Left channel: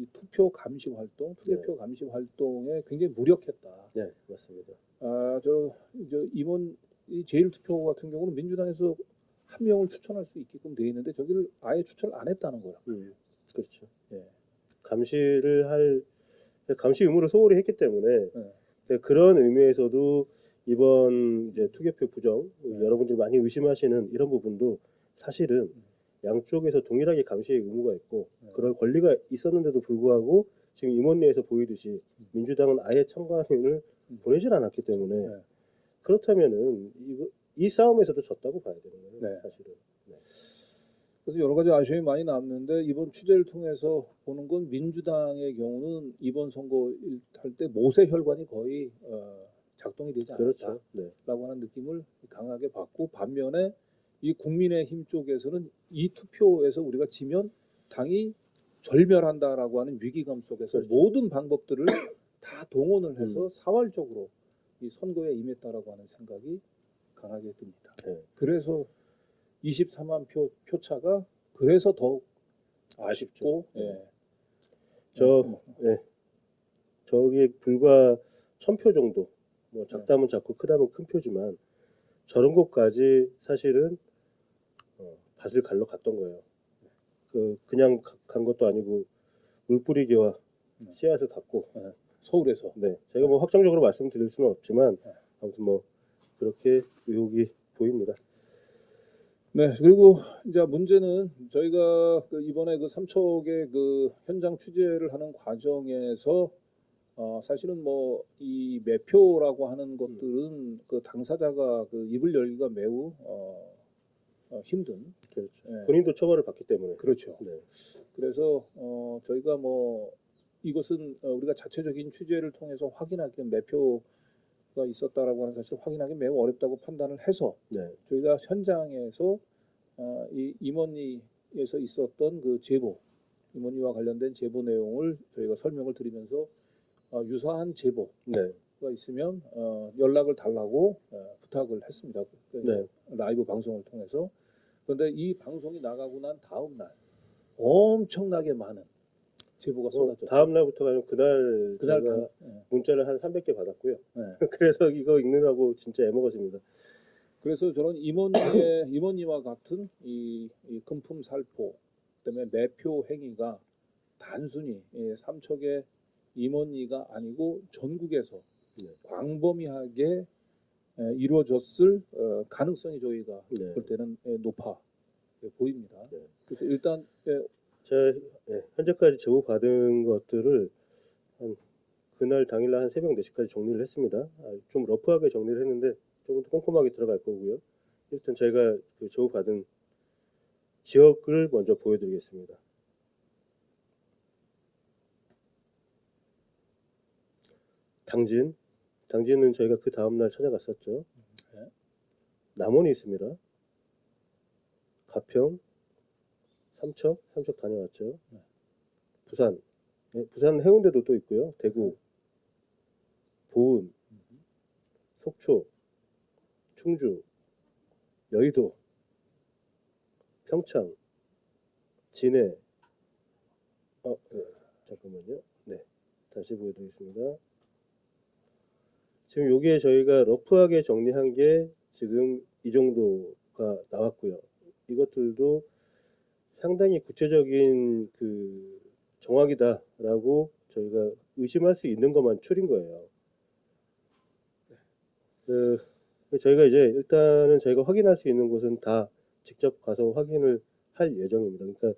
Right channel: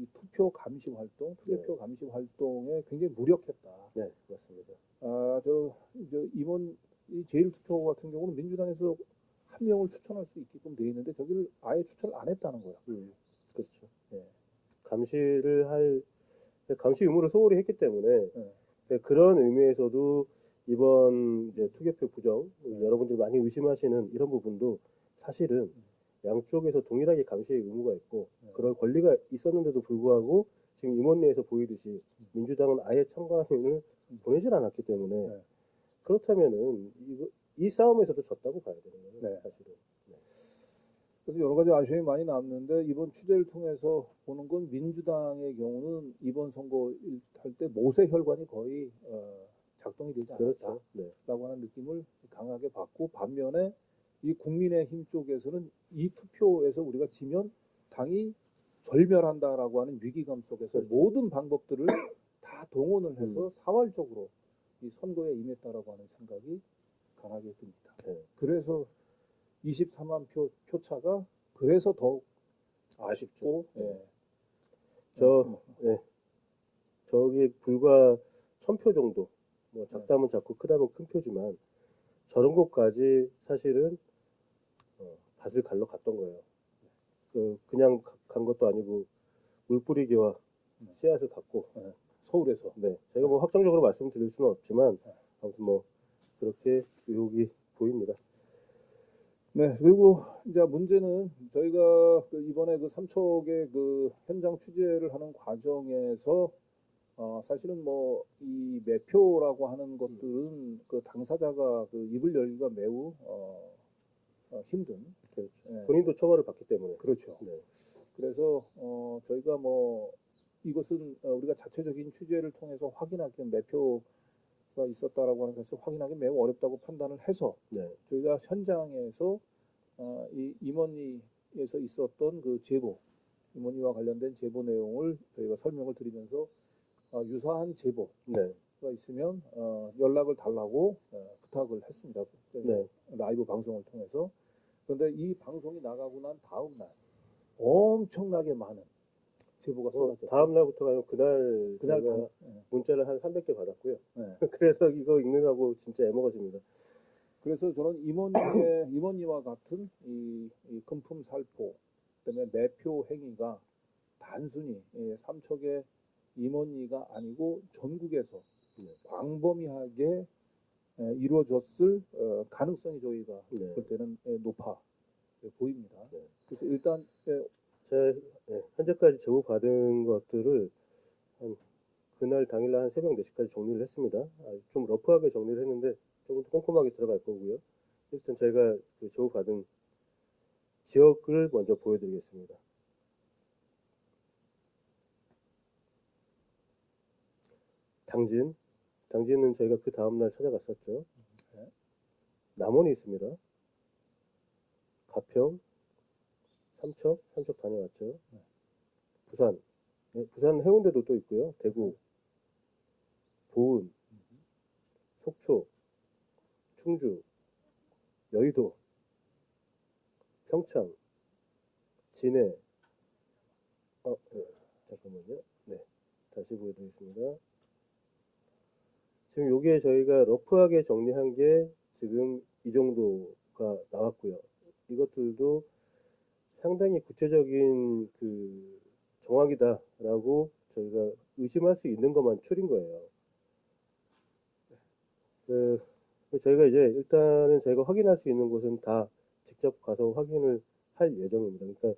이 투표 감시 활동, 투개표 감시 활동에 굉장히 무력했다. 네, 맞습니다. 저 임원 이 제1투표 같은 경우는 민주당에서 한 명을 추천할 수 있게끔 돼 있는데 저기를 아예 추천을 안 했다는 거야. 그렇죠. 예. 감시 의무를 소홀히 했기 때문에 그런 의미에서도 이번 이제 투개표 부정 여러분들이 많이 의심하시는 이런 부분도 사실은 양쪽에서 동일하게 감시의 의무가 있고 그런 권리가 있었는데도 불구하고 지금 임원회에서 보이듯이 민주당은 아예 참관인을 보내질 않았기 때문에 그렇다면은 이 싸움에서도 졌다고 봐야 되는 거예요. 사실은. 그래서 여러 가지 아쉬움이 많이 남는데 이번 취재를 통해서 보는 건 민주당의 경우는 이번 선거 할 때 모세 혈관이 거의 작동이 되지 않았다라고 하는 느낌을 강하게 받고 반면에 이 국민의힘 쪽에서는 이 투표에서 우리가 지면 당이 절멸한다라고 하는 위기감 속에서 모든 방법들을 다 동원을 해서 사활적으로 이 선거에 임했다라고 하는 생각이 강하게 듭니다. 그래서 24만 표차가 그래서 더욱 아쉽고 저기 불과 1000표 정도 뭐 작다면 작고 크다면 큰 표지만 저런 곳까지 사실은 밭을 갈러 갔던 거예요. 그냥 간 것도 아니고 물뿌리기와 씨앗을 갖고 서울에서 제가 뭐 확정적으로 말씀드릴 수는 없지만 아무튼 뭐 그렇게 의혹이 보입니다. 네, 그리고 이제 문제는 저희가 이번에 그 삼척의 그 현장 취재를 하는 과정에서 사실은 뭐 이 매표라고 하는 것들은 그 당사자가 그 입을 열기가 매우 힘든. 그렇죠. 본인도 처벌을 받기 때문에. 그렇죠. 그래서 저희가 뭐 이것은 우리가 자체적인 취재를 통해서 확인하기 매표가 있었다라고 하는 사실을 확인하기 매우 어렵다고 판단을 해서 저희가 현장에서 이 임원리에서 있었던 그 제보, 임원리와 관련된 제보 내용을 저희가 설명을 드리면서 유사한 제보가 있으면 연락을 달라고 부탁을 했습니다. 라이브 방송을 통해서. 그런데 이 방송이 나가고 난 다음 날 엄청나게 많은 제보가 쏟아졌죠. 다음 날부터가 아니고 그날 제가 문자를 한 300개 받았고요. 그래서 이거 읽느라고 진짜 애먹었습니다. 그래서 저는 임원리와 같은 이 금품 살포 때문에 매표 행위가 단순히 삼척의 임원리가 아니고 전국에서 광범위하게 이루어졌을 가능성이 저희가 볼 때는 높아 보입니다. 그래서 일단 제가 현재까지 제보 받은 것들을 한 그날 당일날 한 새벽 4시까지 정리를 했습니다. 좀 러프하게 정리를 했는데 조금 더 꼼꼼하게 들어갈 거고요. 일단 제가 그 제보 받은 지역을 먼저 보여드리겠습니다. 당진은 저희가 그 다음날 찾아갔었죠. 남원이 있습니다. 가평, 삼척 다녀왔죠. 부산 해운대도 또 있고요. 대구, 보은, 속초, 충주, 여의도, 평창, 진해. 잠깐만요. 다시 보여드리겠습니다. 지금 요게 저희가 러프하게 정리한 게 지금 이 정도가 나왔고요. 이것들도 상당히 구체적인 그 정확이다라고 저희가 의심할 수 있는 것만 추린 거예요. 저희가 이제 일단은 저희가 확인할 수 있는 곳은 다 직접 가서 확인을 할 예정입니다. 그러니까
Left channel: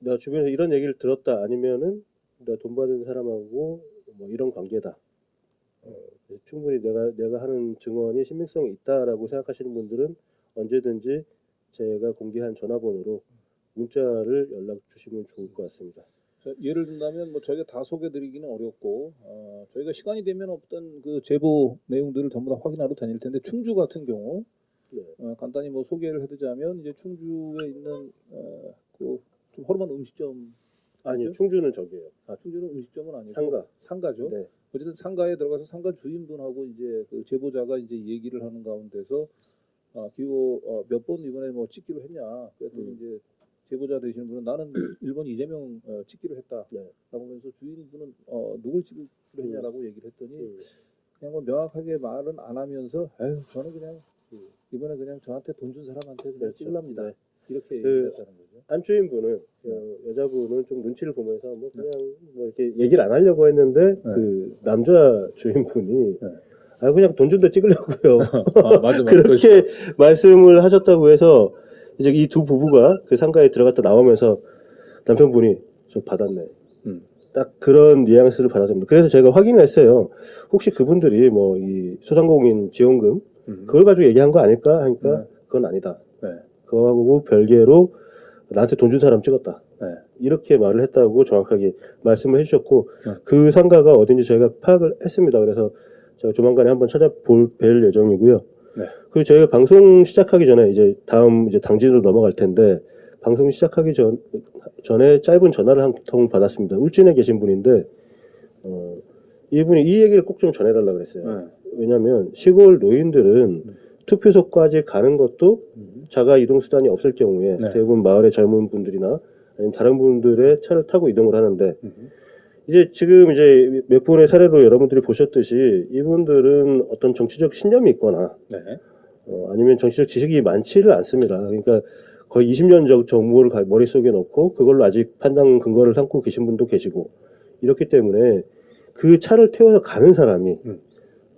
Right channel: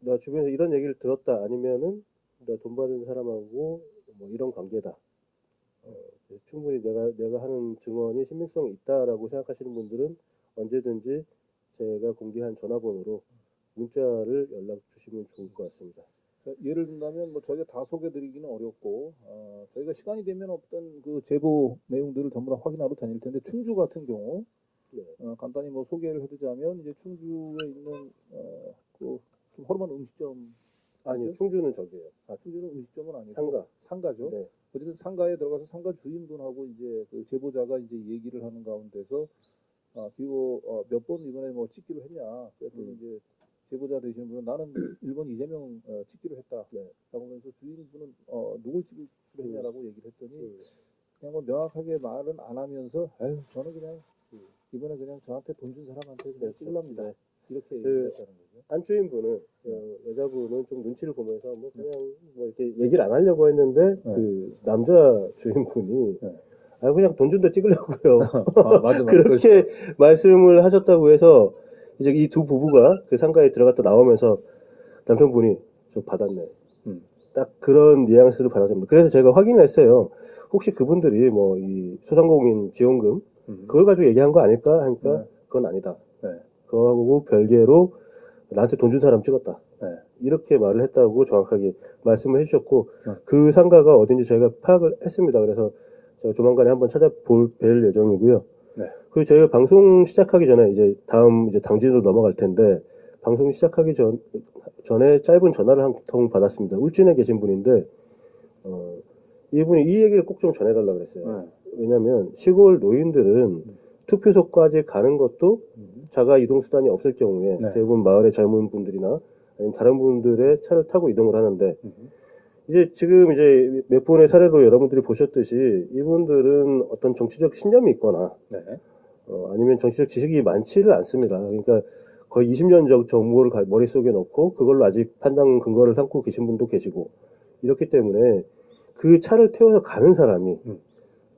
내가 주변에서 이런 얘기를 들었다 아니면은 내가 돈 받은 사람하고 뭐 이런 관계다. 충분히 내가 하는 증언이 신빙성이 있다라고 생각하시는 분들은 언제든지 제가 공개한 전화번호로 문자를 연락 주시면 좋을 것 같습니다. 예를 든다면 뭐 저희가 다 소개드리기는 어렵고 저희가 시간이 되면 어떤 그 제보 내용들을 전부 다 확인하러 다닐 텐데 충주 같은 경우 간단히 뭐 소개를 해드자면 이제 충주에 있는 그 좀 허름한 음식점 아니요, 충주는 저기예요. 충주는 음식점은 아니고 상가죠. 어쨌든 상가에 들어가서 상가 주인분하고 이제 그 제보자가 이제 얘기를 하는 가운데서 기호 몇 번 이번에 뭐 찍기로 했냐 그랬더니 이제 제보자 되시는 분은 나는 일본 이재명 찍기로 했다라고 네. 하면서 주인분은 누굴 찍기로 했냐라고 얘기를 했더니 그냥 뭐 명확하게 말은 안 하면서 아유 저는 그냥 이번에 그냥 저한테 돈 준 사람한테 그냥 그렇죠. 찍랍니다. 네. 이렇게 그 얘기했다는 거죠. 한 주인분은 여자분은 좀 눈치를 보면서 뭐 그냥 뭐 이렇게 얘기를 안 하려고 했는데 그 남자 주인분이 네. 아 그냥 돈 준다 찍으려고요. 아, 맞아. 그렇게 말씀을 하셨다고 해서 이제 이 두 부부가 그 상가에 들어갔다 나오면서 남편분이 저 받았네. 딱 그런 뉘앙스를 받았습니다. 그래서 제가 확인을 했어요. 혹시 그분들이 뭐 이 소상공인 지원금 그걸 가지고 얘기한 거 아닐까 하니까 그건 아니다. 네. 그거하고 별개로 나한테 돈 준 사람 찍었다. 네. 이렇게 말을 했다고 정확하게 말씀을 해주셨고 그 상가가 어딘지 저희가 파악을 했습니다. 그래서 제가 조만간에 한번 찾아뵐 예정이고요. 네. 그리고 저희가 방송 시작하기 전에 이제 다음 이제 당진으로 넘어갈 텐데 방송 시작하기 전에 짧은 전화를 한 통 받았습니다. 울진에 계신 분인데 이분이 이 얘기를 꼭 좀 전해달라고 그랬어요. 왜냐하면 시골 노인들은 투표소까지 가는 것도 자가 이동 수단이 없을 경우에 대부분 마을의 젊은 분들이나 아니면 다른 분들의 차를 타고 이동을 하는데 이제 지금 이제 몇 분의 사례로 여러분들이 보셨듯이 이분들은 어떤 정치적 신념이 있거나 아니면 정치적 지식이 많지를 않습니다. 그러니까 거의 20년 전 정보를 머릿속에 넣고 그걸로 아직 판단 근거를 삼고 계신 분도 계시고 이렇기 때문에 그 차를 태워서 가는 사람이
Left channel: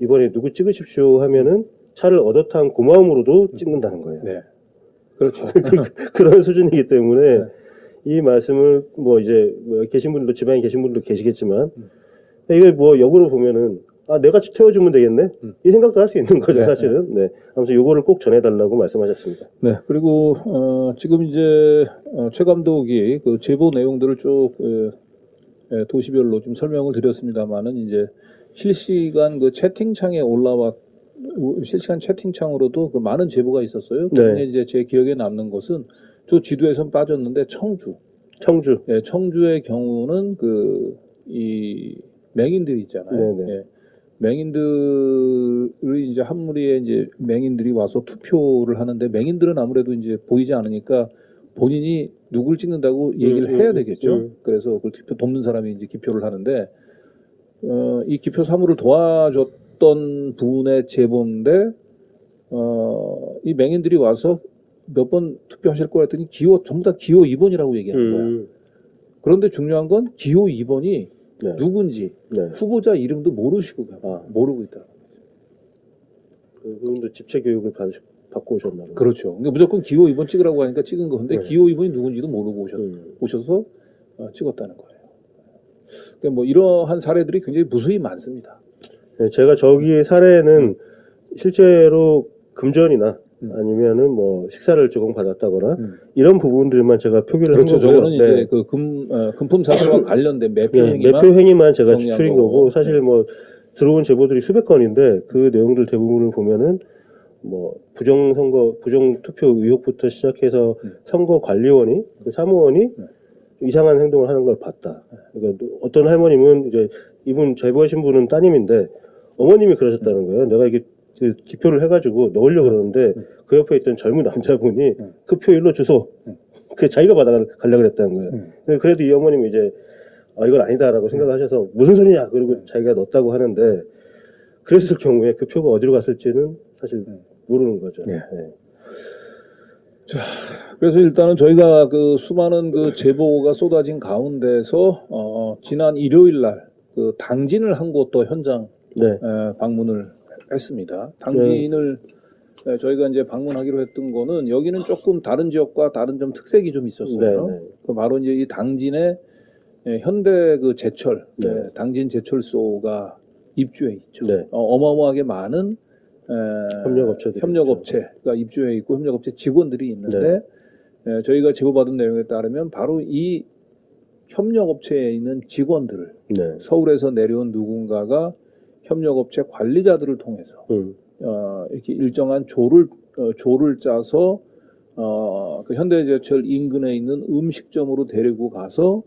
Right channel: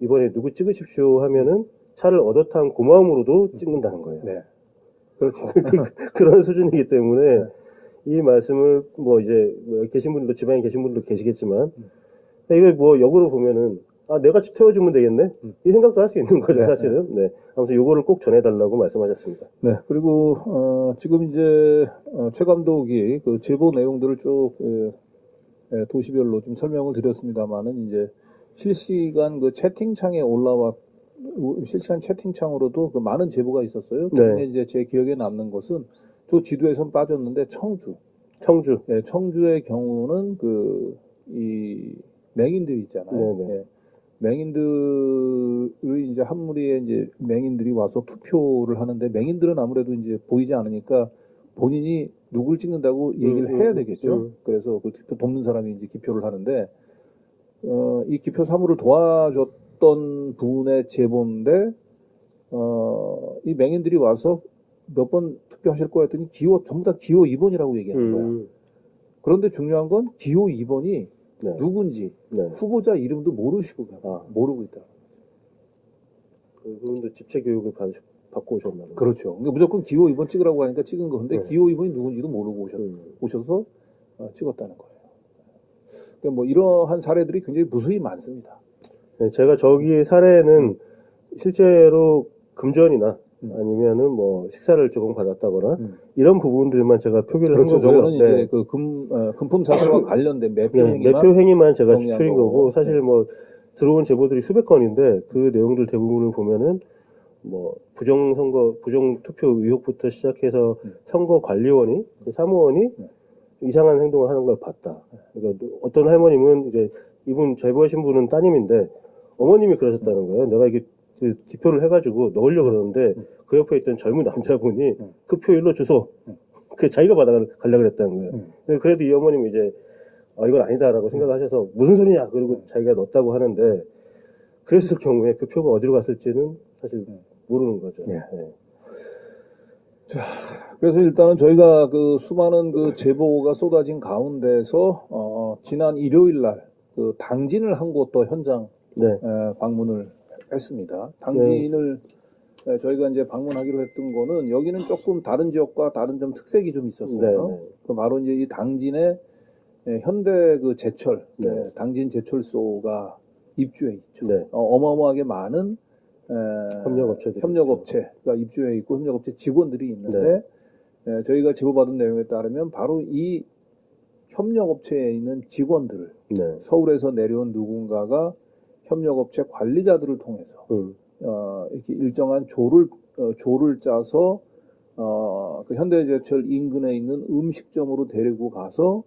이번에 누구 찍으십시오 하면은 차를 얻어탄 고마움으로도 찍는다는 거예요. 네. 그렇죠. 그런 수준이기 때문에 이 말씀을 뭐 이제 뭐 계신 분들도 지방에 계신 분들도 계시겠지만 이게 뭐 역으로 보면은 아 내가 태워주면 되겠네 이 생각도 할 수 있는 거죠. 사실은. 네. 아무튼 요거를 꼭 전해달라고 말씀하셨습니다. 네. 그리고 지금 이제 최 감독이 그 제보 내용들을 쭉 도시별로 좀 설명을 드렸습니다만은 이제 실시간 그 채팅창에 실시간 채팅창으로도 그 많은 제보가 있었어요. 그중에 이제 제 기억에 남는 것은 저 지도에선 빠졌는데 청주. 예, 청주의 경우는 이 맹인들 있잖아요. 예, 맹인들이 이제 한 무리의 이제 맹인들이 와서 투표를 하는데 맹인들은 아무래도 이제 보이지 않으니까 본인이 누굴 찍는다고 얘기를 해야 되겠죠. 그래서 그 투표 돕는 사람이 이제 기표를 하는데 이 기표 사무를 도와줬던 분의 제보인데 이 맹인들이 와서 몇 번 투표하실 거라 했더니 전부 다 기호 2번이라고 얘기하는 거야. 그런데 중요한 건 기호 2번이 누군지 후보자 이름도 모르고 있다. 그분도 집체 교육을 받고 오셨나요? 그렇죠. 그러니까 무조건 기호 2번 찍으라고 하니까 찍은 건데 기호 2번이 누군지도 모르고 오셔서 찍었다는 거예요. 그러니까 뭐 이러한 사례들이 굉장히 무수히 많습니다. 네, 제가 저기의 사례는 실제로 금전이나 아니면은 뭐 식사를 조금 받았다거나 이런 부분들만 제가 표기를 한 거고요. 저거는 이제 그 금품 사기와 관련된 매표 행위만 제가 추린 거고 사실 뭐 들어온 제보들이 수백 건인데 그 내용들 대부분을 보면은 뭐 부정 투표 의혹부터 시작해서 선거관리원이 그 사무원이 이상한 행동을 하는 걸 봤다. 그러니까 어떤 할머님은 이제 이분 제보하신 분은 따님인데 어머님이 그러셨다는 거예요. 내가 이게 그 기표를 해가지고 넣으려고 그러는데 그 옆에 있던 젊은 남자분이 그 표 일로 주소. 그 자기가 받아가려고 그랬다는 거예요. 그래도 이 어머님은 이제 이건 아니다라고 생각하셔서 무슨 소리냐 그리고 자기가 넣었다고 하는데 그랬을 경우에 그 표가 어디로 갔을지는 사실 모르는 거죠. 네. 자, 그래서 일단은 저희가 그 수많은 그 제보가 쏟아진 가운데서 지난 일요일 날 그 당진을 한 곳 더 현장 방문을 했습니다. 당진을 저희가 이제 방문하기로 했던 거는 여기는 조금 다른 지역과 다른 좀 특색이 좀 있었어요. 그 바로 이제 이 당진에 현대 그 제철, 당진 제철소가 입주해 있죠. 어마어마하게 많은 협력업체가 입주해 있고 협력업체 직원들이 있는데 저희가 제보받은 내용에 따르면 바로 이 협력업체에 있는 직원들을 서울에서 내려온 누군가가 협력업체 관리자들을 통해서 이렇게 일정한 조를 짜서 그 현대제철 인근에 있는 음식점으로 데리고 가서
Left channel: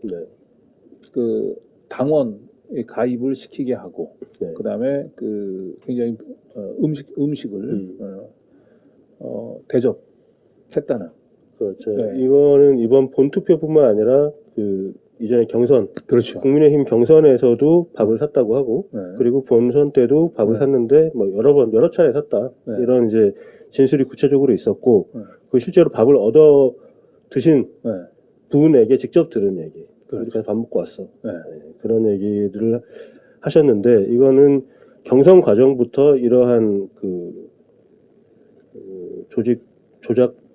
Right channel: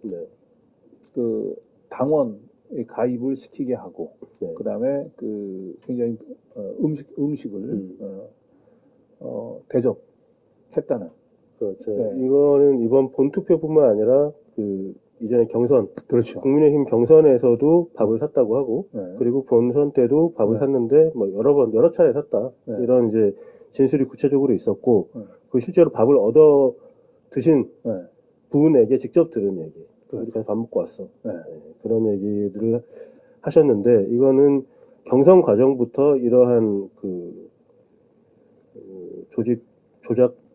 그 당원에 가입을 시키게 하고 그다음에 그 굉장히 음식을 대접했다는 그렇죠. 네. 이거는 이번 본투표뿐만 아니라 그 이전에 경선, 그렇죠. 국민의힘 경선에서도 밥을 샀다고 하고, 네. 그리고 본선 때도 밥을 네. 샀는데 뭐 여러 차례 샀다. 네. 이런 이제 진술이 구체적으로 있었고, 네. 그 실제로 밥을 얻어 드신 네. 분에게 직접 들은 얘기. 그렇죠. 그래서 밥 먹고 왔어. 네. 그런 얘기들을 하셨는데, 이거는 경선 과정부터 이러한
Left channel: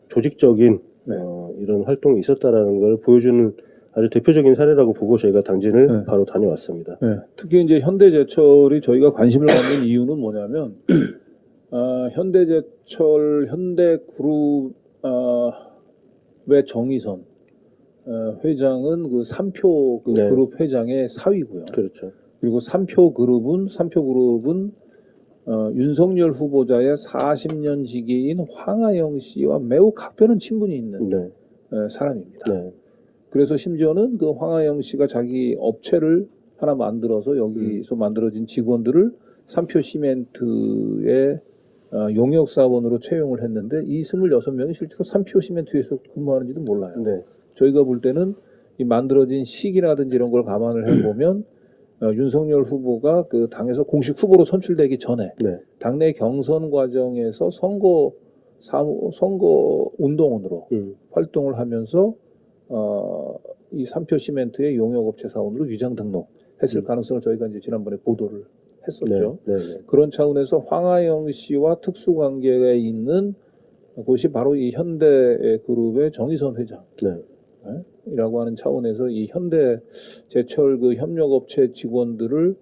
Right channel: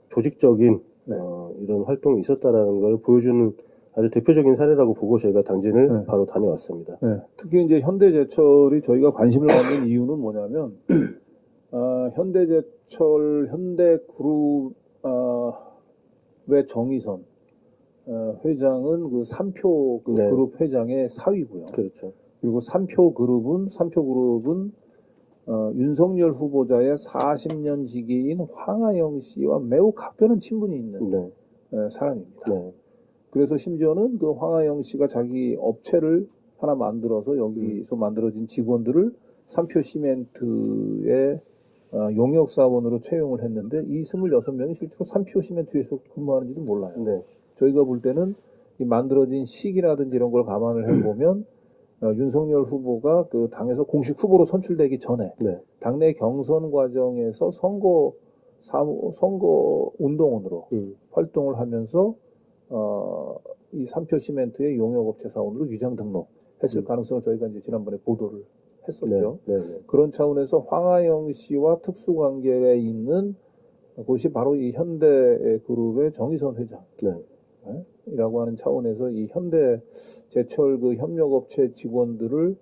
조직적인 네. 이런 활동이 있었다라는 걸 보여주는 아주 대표적인 사례라고 보고 저희가 당진을 네. 바로 다녀왔습니다. 네. 특히 이제 현대제철이 저희가 관심을 갖는 이유는 뭐냐면, 현대제철, 현대그룹의 정의선 회장은 그 3표 그 네. 그룹 회장의 사위고요. 그렇죠. 그리고 3표 그룹은 윤석열 후보자의 40년 지기인 황하영 씨와 매우 각별한 친분이 있는 네. 사람입니다. 네. 그래서 심지어는 그 황하영 씨가 자기 업체를 하나 만들어서 여기서 만들어진 직원들을 3표 시멘트의 용역사원으로 채용을 했는데 이 26명이 실제로 3표 시멘트에서 근무하는지도 몰라요. 네. 저희가 볼 때는 이 만들어진 시기라든지 이런 걸 감안을 해보면 윤석열 후보가 그 당에서 공식 후보로 선출되기 전에 네. 당내 경선 과정에서 선거 운동원으로 활동을 하면서 이 3표 시멘트의 용역업체 사원으로 위장 등록했을 가능성을 저희가 이제 지난번에 보도를 했었죠. 네. 네. 그런 차원에서 황하영 씨와 특수관계가 있는 곳이 바로 이 현대그룹의 정의선 회장. 네. 이라고 하는 차원에서 이 현대제철 그 협력업체 직원들을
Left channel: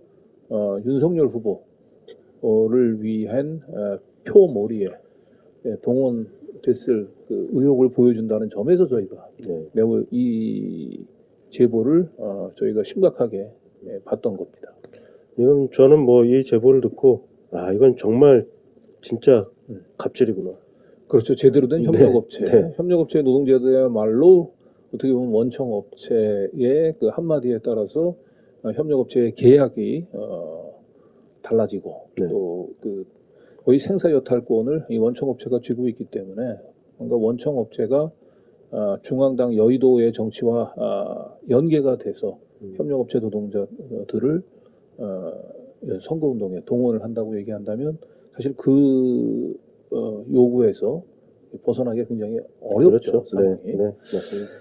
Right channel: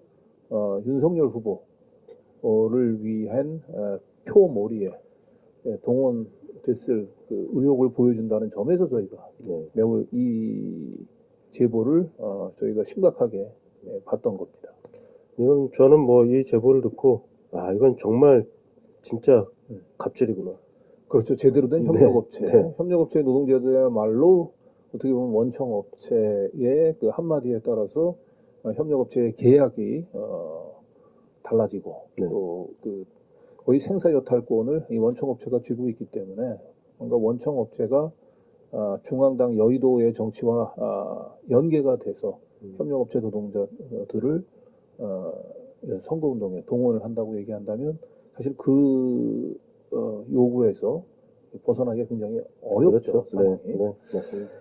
윤석열 후보를 위한 표몰이에 동원됐을 그 의혹을 보여준다는 점에서 저희가 네. 매우 이 제보를 저희가 심각하게 봤던 겁니다. 이건 저는 뭐 이 제보를 듣고 이건 정말 진짜 갑질이구나. 그렇죠. 제대로 된 네, 협력업체. 네. 협력업체 노동자들야말로 어떻게 보면 원청업체의 그 한마디에 따라서 협력업체의 계약이 달라지고 네. 또 그 거의 생사여탈권을 이 원청업체가 쥐고 있기 때문에 뭔가 원청업체가 중앙당 여의도의 정치와 연계가 돼서 협력업체 노동자들을 선거운동에 동원을 한다고 얘기한다면 사실 그 요구에서 벗어나기가 굉장히 어렵죠. 그렇죠. 상황이. 네. 네. 맞습니다.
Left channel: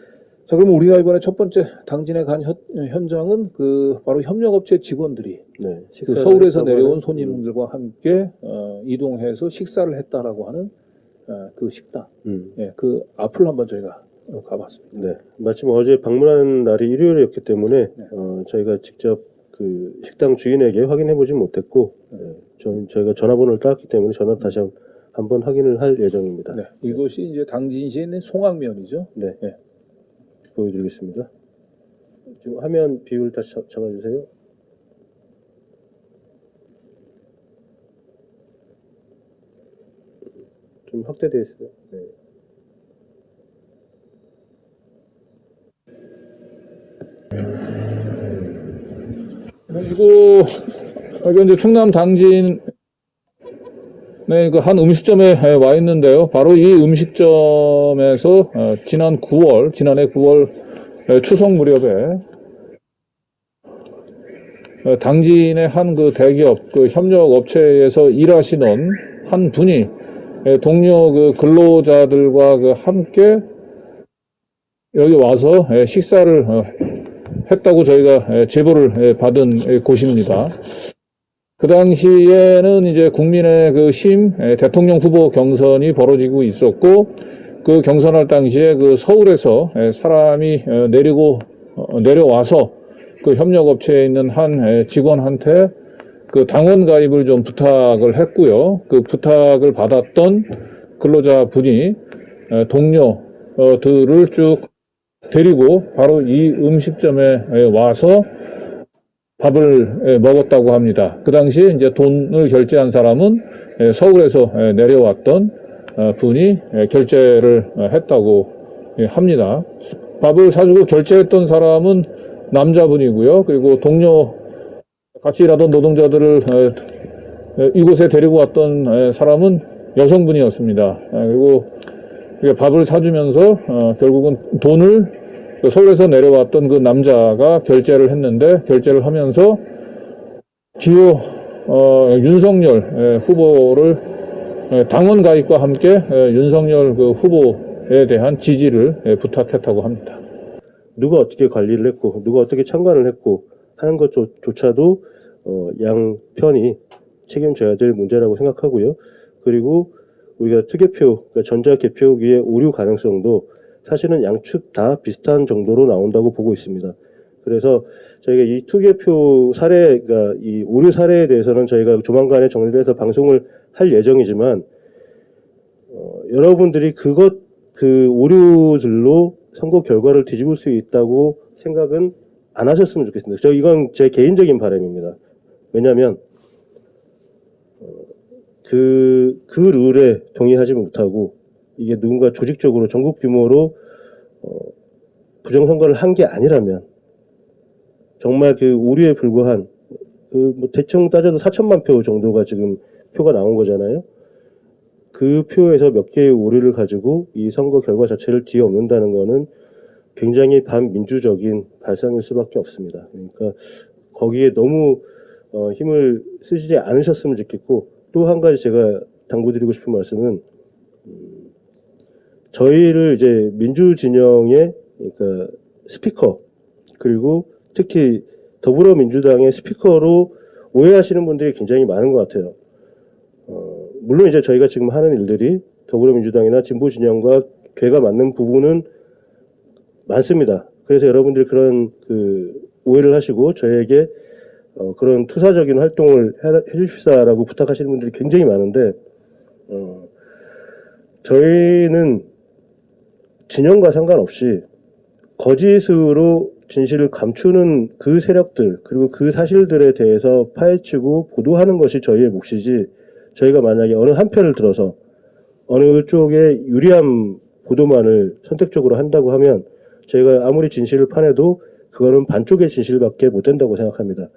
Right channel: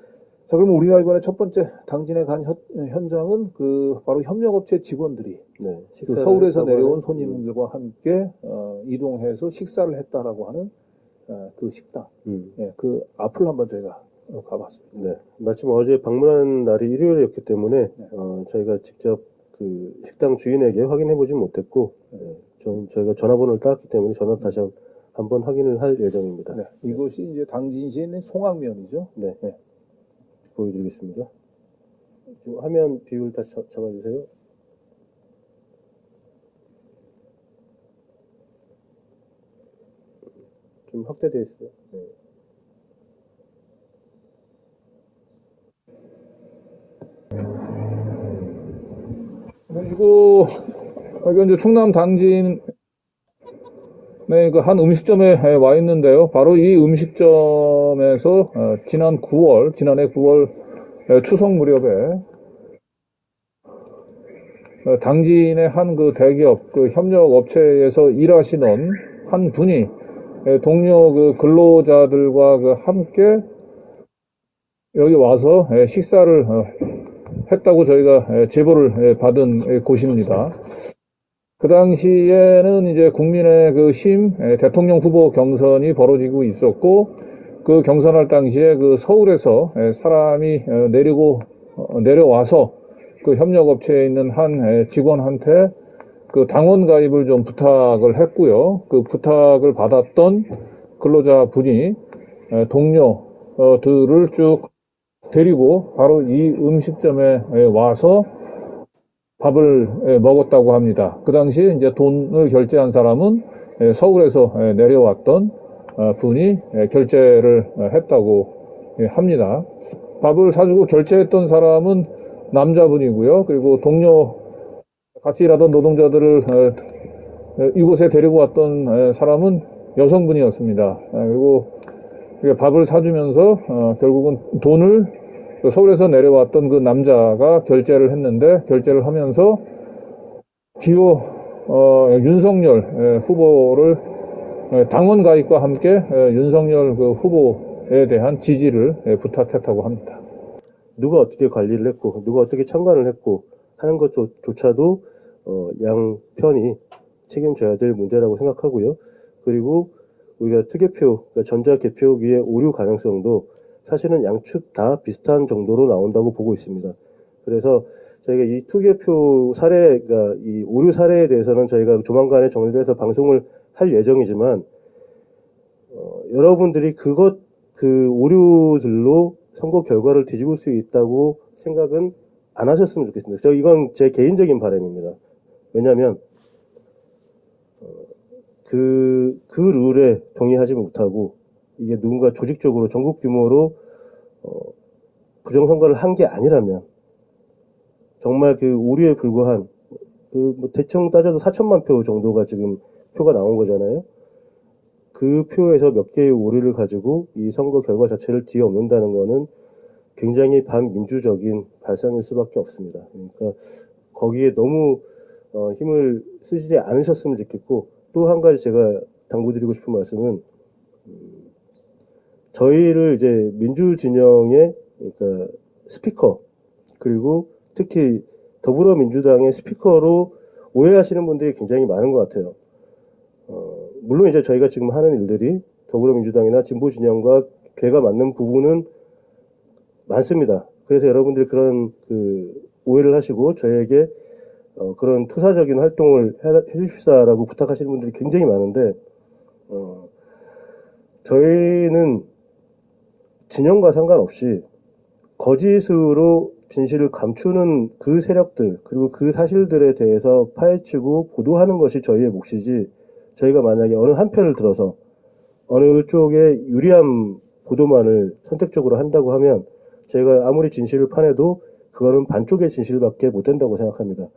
자, 그럼 우리가 이번에 첫 번째 당진에 간 현장은 그 바로 협력업체 직원들이 네. 그 서울에서 했다고 내려온 하는, 손님들과 함께 이동해서 식사를 했다라고 하는 그 식당. 예, 그 앞을 한번 저희가 가봤습니다. 네. 마침 어제 방문한 날이 일요일이었기 때문에 네. 저희가 직접 그 식당 주인에게 확인해 보진 못했고 저희가 전화번호를 따왔기 때문에 전화 다시 한번 확인을 할 예정입니다. 네, 이곳이 이제 당진시에 있는 송악면이죠. 네. 네. 보여드리겠습니다. 지금 화면 비율 다시 잡아주세요. 좀 확대되어 있어요. 네. 그리고 여기 이제 충남 당진의 그 한 음식점에 와 있는데요. 바로 이 음식점에서 지난해 9월 추석 무렵에 당진의 한 그 대기업 그 협력 업체에서 일하시는 한 분이 동료 그 근로자들과 그 함께 여기 와서 식사를 했다고 저희가 제보를 받은 곳입니다. 그 당시에는 이제 국민의 그 대통령 후보 경선이 벌어지고 있었고, 그 경선할 당시에 그 서울에서 사람이 내려와서 그 협력업체에 있는 한 직원한테 그 당원 가입을 좀 부탁을 했고요. 그 부탁을 받았던 근로자 분이 동료들을 쭉 데리고 바로 이 음식점에 와서 밥을 먹었다고 합니다. 그 당시 이제 돈을 결제한 사람은 서울에서 내려왔던 분이 결제를 했다고 합니다. 밥을 사주고 결제했던 사람은 남자분이고요. 그리고 같이 일하던 노동자들을 이곳에 데리고 왔던 사람은 여성분이었습니다. 그리고 밥을 사주면서 결국은 돈을 서울에서 내려왔던 그 남자가 결제를 했는데, 결제를 하면서 기호 윤석열 후보를 당원 가입과 함께 윤석열 그 후보에 대한 지지를 부탁했다고 합니다. 누가 어떻게 관리를 했고 누가 어떻게 참관을 했고 하는 것조차도 양 편이 책임져야 될 문제라고 생각하고요. 그리고 우리가 투개표, 그러니까 전자개표기의 오류 가능성도 사실은 양측 다 비슷한 정도로 나온다고 보고 있습니다. 그래서 저희가 이 투개표 사례, 그러니까 이 오류 사례에 대해서는 저희가 조만간에 정리를 해서 방송을 할 예정이지만 여러분들이 그 오류들로 선거 결과를 뒤집을 수 있다고 생각은 안 하셨으면 좋겠습니다. 이건 제 개인적인 바람입니다. 왜냐하면 그 룰에 동의하지 못하고 이게 누군가 조직적으로 전국 규모로 부정선거를 한 게 아니라면 정말 그 오류에 불과한 뭐 대충 따져도 4천만 표 정도가 지금 표가 나온 거잖아요. 그 표에서 몇 개의 오류를 가지고 이 선거 결과 자체를 뒤엎는다는 거는 굉장히 반민주적인 발상일 수밖에 없습니다. 그러니까 거기에 너무 힘을 쓰시지 않으셨으면 좋겠고, 또 한 가지 제가 당부드리고 싶은 말씀은 저희를 이제 민주 진영의 그러니까 스피커, 그리고 특히 더불어민주당의 스피커로 오해하시는 분들이 굉장히 많은 것 같아요. 물론 이제 저희가 지금 하는 일들이 더불어민주당이나 진보 진영과 궤가 맞는 부분은 많습니다. 그래서 여러분들이 그런 오해를 하시고 저에게 그런 투사적인 활동을 해주십사라고 부탁하시는 분들이 굉장히 많은데, 저희는 진영과 상관없이 거짓으로 진실을 감추는 그 세력들, 그리고 그 사실들에 대해서 파헤치고 보도하는 것이 저희의 몫이지, 저희가 만약에 어느 한 편을 들어서 어느 쪽에 유리한 보도만을 선택적으로 한다고 하면 저희가 아무리 진실을 파내도 그거는 반쪽의 진실밖에 못 된다고 생각합니다.